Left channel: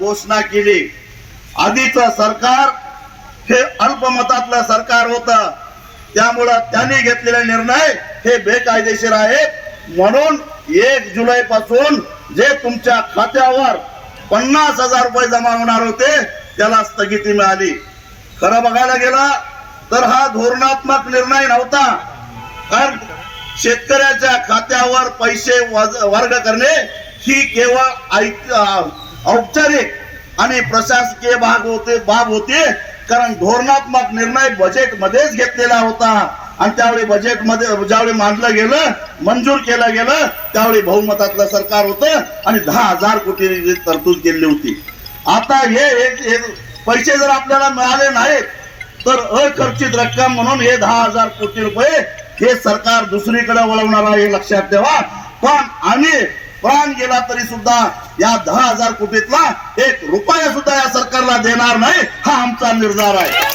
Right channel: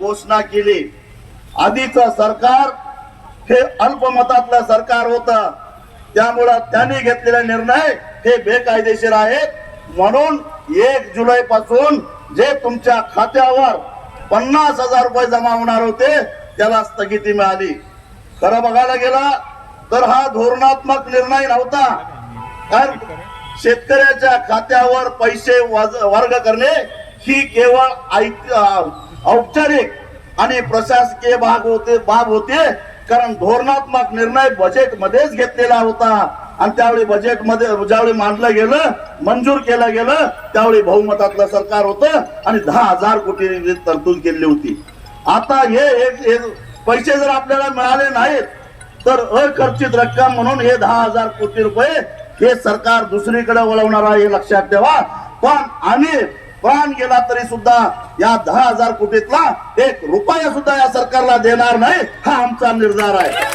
घोषणा केली. आधीच सरकार हे अल्पमतातलं सरकार होत. त्यामुळं त्यांनी घेतलेले निर्णय हे बेकायदेशीर आहेत. म्हणून एक जुलै पासून जे तुमच्या खात्यावर पन्नास हजार रुपये जमा होणार होते त्याला स्थगिती मिळाली. खरं बघायला गेला तर हा धोरणात्मक निर्णय नव्हता. कारण शेतकऱ्याच्या खात्यावर पैसे वर्ग करणे ही केवळ औपचारिक आणि प्रशासकीय भाग होते बाब होते कारण धोरणात्मक निर्णय बजेट मध्येच घेतलेला होता. आणि त्यावेळी बजेटमध्ये ज्यावेळी मांडलं गेलं मंजूर केलं गेलं त्यावेळी बहुमतातलं सरकार होतं आणि दहा हजार कोटी तरतूद केली होती. आता हे एक- हे पैसे जर आपल्याला मिळाले नाहीत तर अखर्चित रक्कम म्हणून हे दहा हजार कोटी रुपये हे सरकार दुसरीकडे वळवणार आहे लक्षात ठेवा. पण आम्ही प्राण गेला तरी सुद्धा या दहा हजार कोटीतला एक रुपया सुद्धा या सरकारला देणार नाही हा आमचा निर्धार आहे.